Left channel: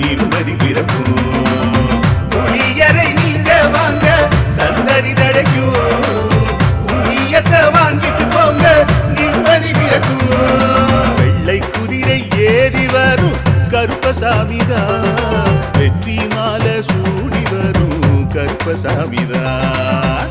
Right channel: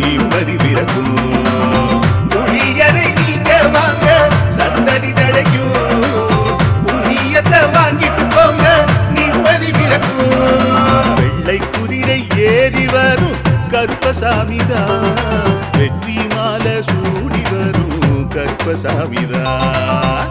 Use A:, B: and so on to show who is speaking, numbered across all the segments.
A: நிம்மதி பிறக்கும். புளியரை நீங்க வாங்க சந்தடி தடைக்கும் புண்ணியத்தை வாங்கிட்டு போங்க நிம்மதி பிறக்கும். வெள்ளை குதிரை ஏறி வரும் கருப்பசாமிதான் வெற்றி மாலை சூடி வரும் கருப்பசாமிதான்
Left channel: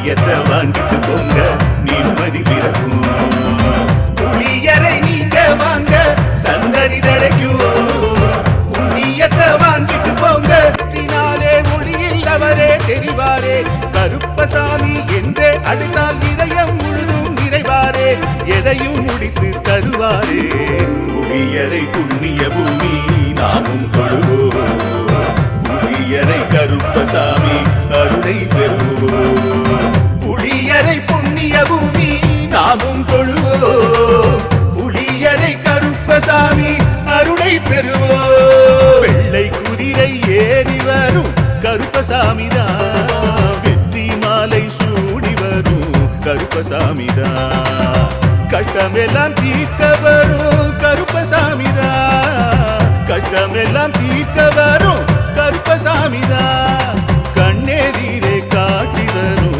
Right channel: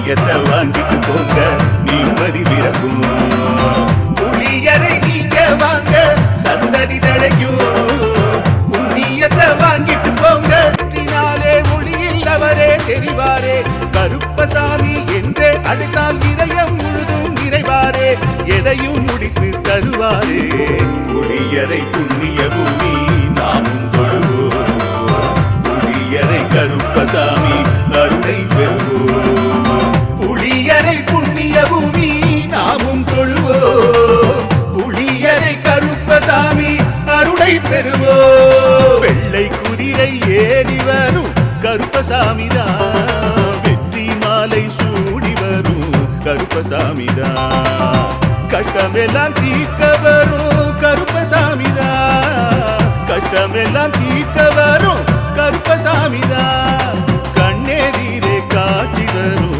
A: புளியத்தை வாங்கிட்டு போங்க நிம்மதி பிறக்கும். புளியரை நீங்க வாங்க. சந்தடி தழைக்கும். புண்ணியத்தை வாங்கிட்டு போங்க. நாளே ஒளியில் தெரிவாரே. கருப்பசாமி என்றே அடுத்தால் இதயம் முழுதும் நிறைவாரே. எதையும் முடித்து தருவாரே. புளியரை புண்ணிய பூமி நாமும் கொள்வோம் புளியரை கருப்பசாமி அருளை பெறுவோம். நாமும் தொழுவோம் புளியரை கருப்பசாமி அருளை பெறுவோம் வெள்ளை குதிரை ஏறி வரும் கருப்பசாமிதான் வெற்றி மாலை சூடி வரும் கருப்பசாமிதான் கஷ்டமெல்லாம் தீர்க்க வரும் கருப்பசாமிதான் கஷ்டமெல்லாம் தீர்க்க வரும் கருப்பசாமிதான் கண்ணெதிரே காட்சி வரும்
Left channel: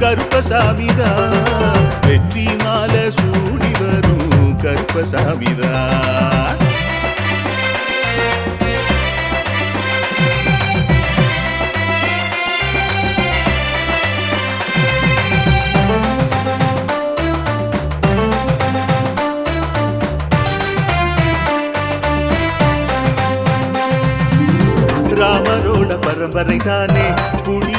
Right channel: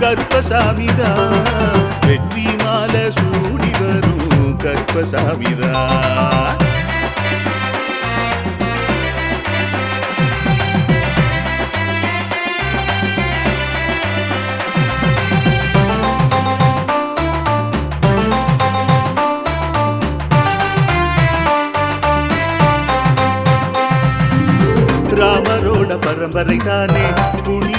A: கருப்பசாமிதா. வெற்றி மாலை சூடி வரும் கருப்பசாமிதா. ராமரோட பரம்பரை தானே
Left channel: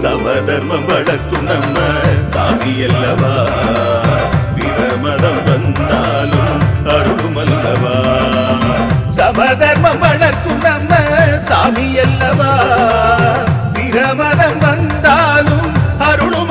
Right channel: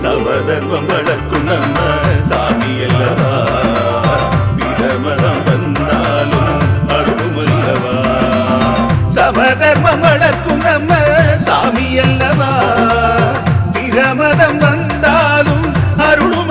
A: சமதர்மம் வளர்க்கும் நம்ம சாமி அல்லவா? பிரமதம் வந்தாலும் அருளும் அல்லவா சமதர்மம் வளர்க்கும் நம்ம சாமி அல்லவா? பிரமதம் வந்தாலும் அருளும்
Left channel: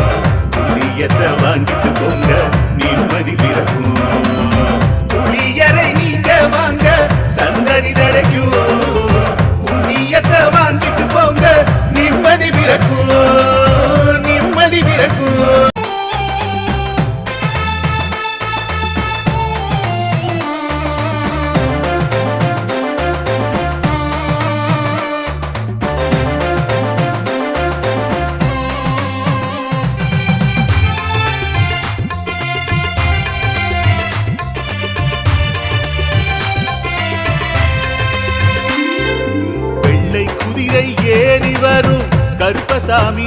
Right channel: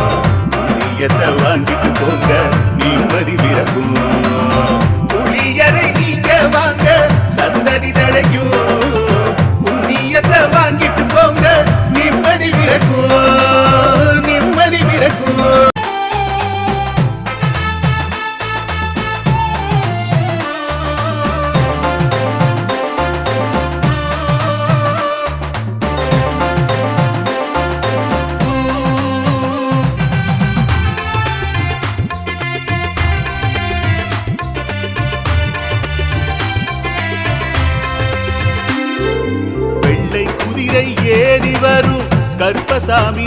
A: புளியத்தை வாங்கிட்டு போங்க? நிம்மதி பிறக்கும்.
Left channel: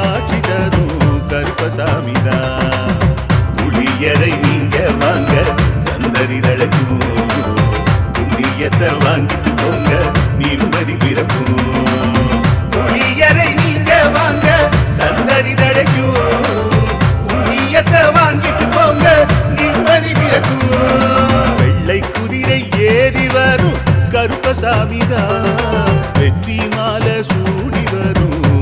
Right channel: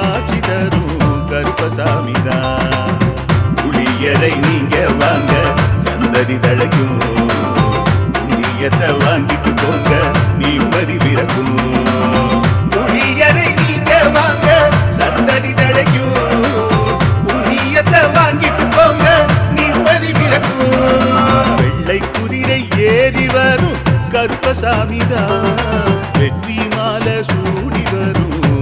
A: காட்சி தரும் கருப்பசாமிதா. புளியரை நீங்க வாங்க சந்ததி தழைக்கும். புளியத்தை வாங்கிட்டு போங்க நிம்மதி பிறக்கும். புளியரை நீங்க வாங்க சந்ததி தழைக்கும். புண்ணியத்தை வாங்கிட்டு போங்க நிம்மதி பிறக்கும். வெள்ளை குதிரை ஏறி வரும் கருப்பசாமிதான் வெற்றி மாலை சூடி வரும்.